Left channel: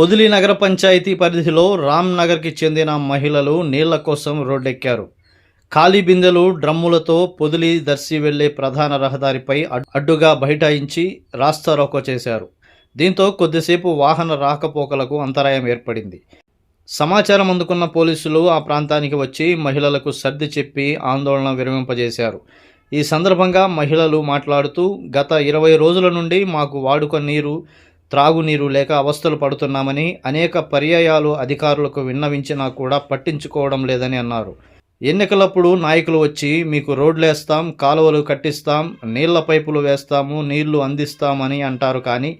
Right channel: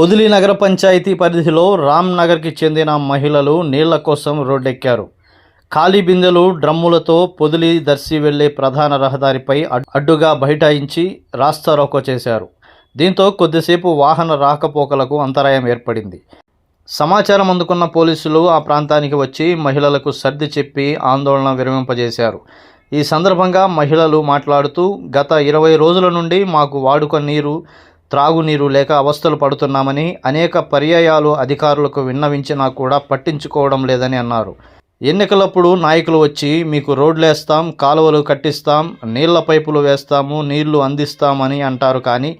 పొదిలి నగర పంచాయతీ పరిధిలో రామ్ నగర్కి చెందిన మహిళలు నీళ్ళ కోసం రోడ్డెక్కారు. ఖాళీ బిందెలు డ్రమ్ములతో పొదిలి దర్శి వెళ్ళే ప్రధాన రహదారిపై అడ్డుగా బైఠాయించి రాస్తారోకో చేశారు. దీంతో కొద్దిసేపు వాహన రాకపోకలకు అంతరాయం ఏర్పడింది. సమాచారం అందుకున్న పోలీసులు ఆ ప్రాంతానికి వచ్చి మహిళలకు సర్ది చెప్పి ఆందోళన విరమింపజేశారు. ఈ సందర్భంగా మహిళలు మాట్లాడుతూ గత ఇరవై రోజుల నుండి మాకు వాడుక నీరు త్రాగునీరు లేక అవస్థలు పడుతున్నామని అనేక పర్యాయాలు అధికారులకు విన్నవించినా కూడా పట్టించుకోవడం లేదని అన్నారు. ఎన్నికలప్పుడు నాయకులు వచ్చి మీకు రోడ్లు వేస్తాం కాలువలు కట్టిస్తాం నీళ్ళ పైపులు వేస్తాము నీళ్ళు అందిస్తామని అంటారు కానీ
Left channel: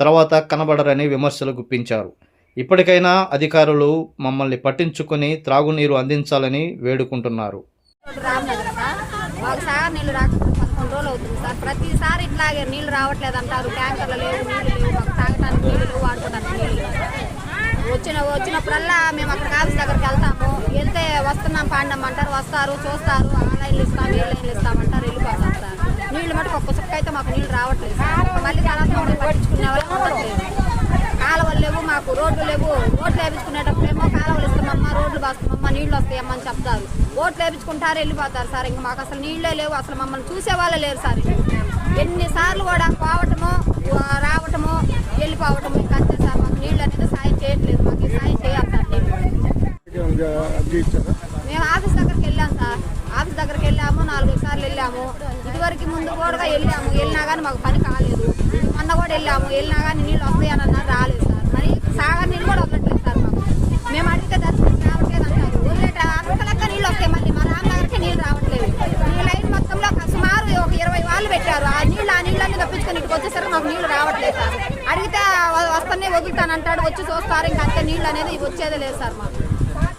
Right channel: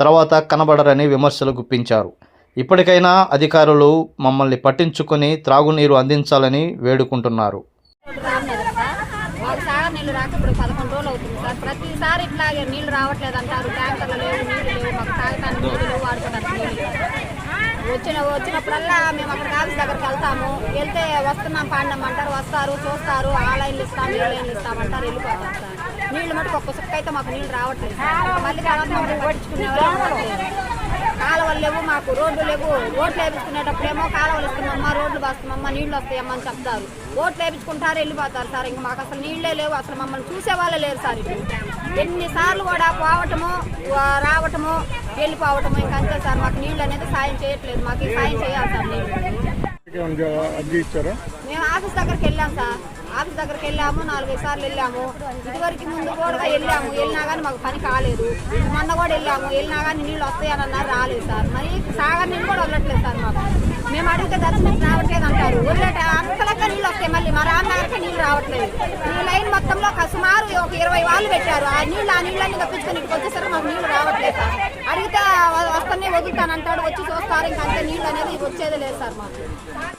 తర్వాత కనబడరని విమర్శలు గుప్పించారు. ఇప్పటికైనా అధికారులు మమ్మల్ని పట్టించుకొని త్రాగునీరు అందించాలని వేడుకుంటున్నారు. సార్ నీళ్ళు రాక ఇప్పుడు పదకొండు రోజులు అవుతుంది సార్. ప్రతిసారి ఇట్లాగే నీళ్ళు రావట్లేదు అంటారు. ట్యాంకర్లు లేవు నీళ్ళు వచ్చిన వచ్చినప్పుడల్లా మేము అక్కడ కాలేజ్ దగ్గరికి వెళ్తాము. వెళ్తే వస్తున్నాం పాడినాం అంటారు వస్తారు చూస్తారు. ఆ లైన్లు ఇస్తాం ఈ లైన్లు ఇస్తామంటారు వెళ్ళిపోతారు సార్. నీళ్ళు మటుకు ఒక్క చుక్క అయితే మాకు నీళ్ళు రావట్లేదు మళ్ళీ కాలం మంది పట్టించుకునే వాళ్ళు ఉండట్లేదు కాలువలు లేవు మాకు రోడ్లు లేవు. రోడ్లు వేపించుకునేటప్పుడేమో కాలువలు ఇస్తామమ్మా రోడ్లు బాస్తామమ్మా నీళ్ళు వస్తాయమ్మా అని చెప్తారు. ఓట్లు వేపించుకుంటారు వెళ్ళిపోతారు సార్. ఇంకా మాకు అసలు నీళ్ళే లేవు. అసలు మమ్మల్ని చూసేవాళ్ళే లేరు సార్. ఎన్నిసార్లు కూడా పోవటము రావటము వెళ్ళిపోవటము ఇంకా అంతే సార్? మాకు నీళ్ళు అనేది సాయం చేయట్లేదు. మాకు ఈ సాయం చేయాలి సార్ నీళ్ళు. మేము ఆఫీస్ దగ్గరికి వెళ్ళాం సార్. ఆఫీస్ దగ్గరికి వెళ్ళాము నాలుగైదు సార్లు వెళ్ళాము. ఇదివరకు ముందు కూడా వెళ్ళాము. వెళ్ళినా కానీ మాకు పని కాలేదు. మొన్న కూడా వెళ్ళాము. వెళ్ళినా కానీ నీళ్ళు వస్తాయని అన్నారు రాలేదు సార్. మరి సాగర్ నీళ్ళు కూడా వెళ్ళట్లేదు సార్ మాకు. మేము అడిగితే దర్శనం మరి అంతలక్క నీళ్ళు వస్తాయి మళ్ళీ మా రామనగర్కి నీళ్ళు రావట్లేదు. ఈ లైన్ మొత్తంలో సుమారు ఒక ఇరవై వాళ్ళు పెట్టారు. ఆ నీళ్ళు ఆ నీళ్ళని తప్పించుకొని ఇక్కడికి వచ్చేసరికి మాకు నీళ్ళు రావట్లేదు సార్. అడిగితే వస్తానే వదులుతానంటాడు వచ్చి చూస్తారు ఇంకా అంతే నీళ్ళు అనేది వచ్చేదే లేదు సార్ మాకు.